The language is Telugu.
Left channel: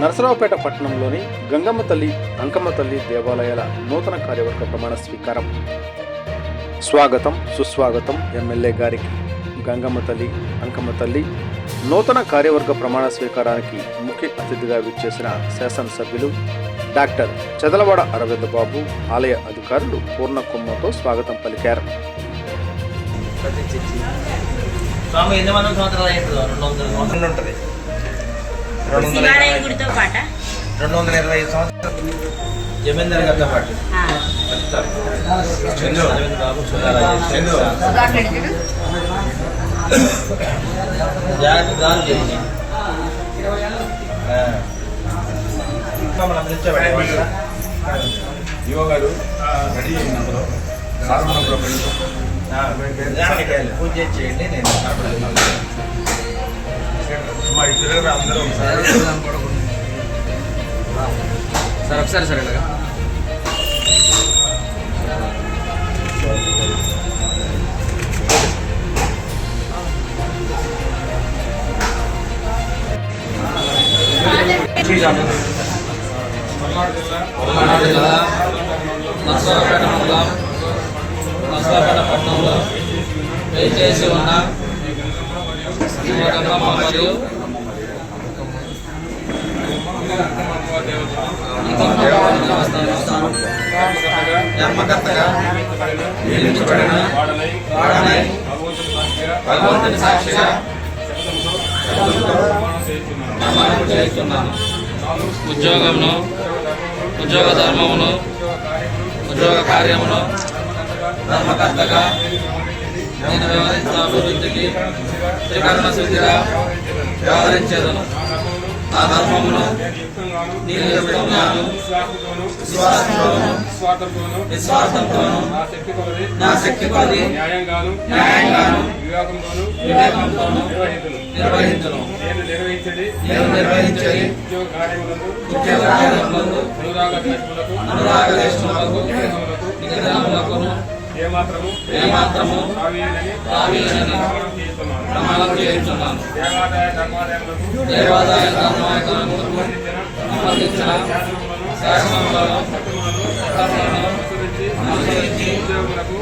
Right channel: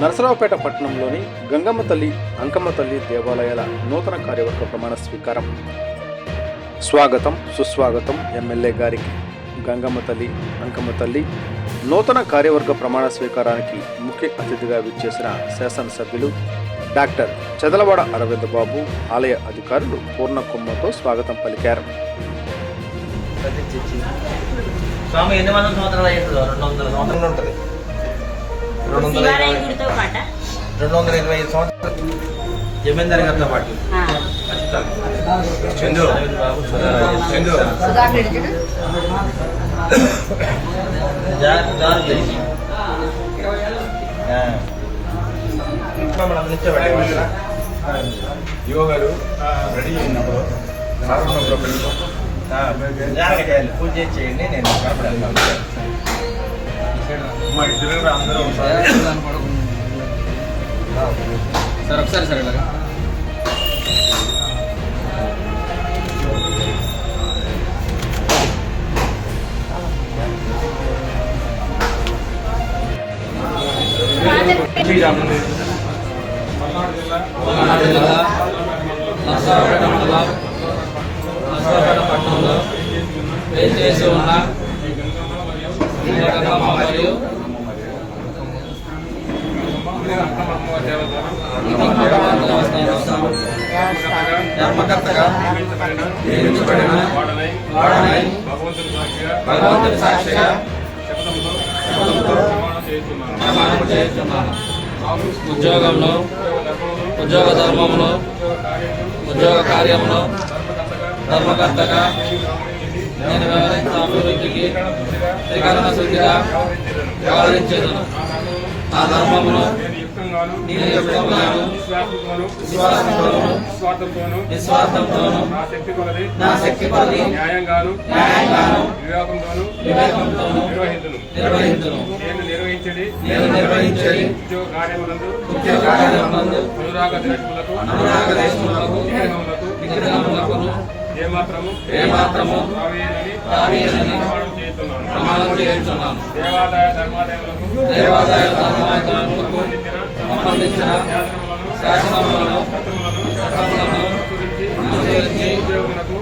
నరసరావుపేట పట్టణంలోని గంగమ్మ తల్లి, అంకమ్మ తల్లి దేవాలయాల నూతన కార్యవర్గ ప్రమాణ స్వీకారం. స్వాగతం సుస్వాగతం ఎమ్మెల్యే గారికి. గంగమ్మ తల్లి, అంకమ్మ తల్లి నూతన కార్యవర్గ ప్రమాణ స్వీకారానికి ముఖ్య అతిథిగా విచ్చేసిన శాసనసభ్యులు డాక్టర్ చదలవాడ అరవింద్ బాబు, ఆలయ అధికారులు పూర్ణ కుంభంతో స్వాగతం పలికారు. శివాలయం గుడితో పాట 225 సంవత్సరాలు జమీందారి గారితో పాటు యువ గారు రెడీ అయినప్పుడు సారున్నప్పుడు పూజ చేయండి. నేను అందరూ సార్ ఒకసారి సరే నరసరావుపేట పట్టణంలో వేచేసి ఉన్న గంగమ్మ మరియు ధర్మకర్తగా నియమించబడిన వాడనై భగవంతుని సాక్షిగా ప్రమాణం చేస్తున్నాను. ఉద్యోగమును, ఉద్యోగ ధర్మమును, ఉద్యోగ కార్యమును ధర్మకర్తగా నేను వ్యవహరించిన అభివృద్ధికి త్రికరణ శుద్ధిగా వ్యవహరించేదను. నా ధర్మమును నేను యుక్తంగాను, విశ్వాసంతోను, నిస్వార్థంతోను, నా శక్తి కొలది న్యాయంగాను, వివేకంతోను నిర్వహించును. నేను నిర్వహించేది ఉద్యోగ కార్యములందు అనురాగ దేశములకు నిగ్రహములకు ఏమాత్రము తావీనని ప్రమాణం చేస్తున్నాను. దేవాదాయ ధర్మాదాయములకు సంబంధించిన శాసనములను అనుసరించి ఉద్యోగులకు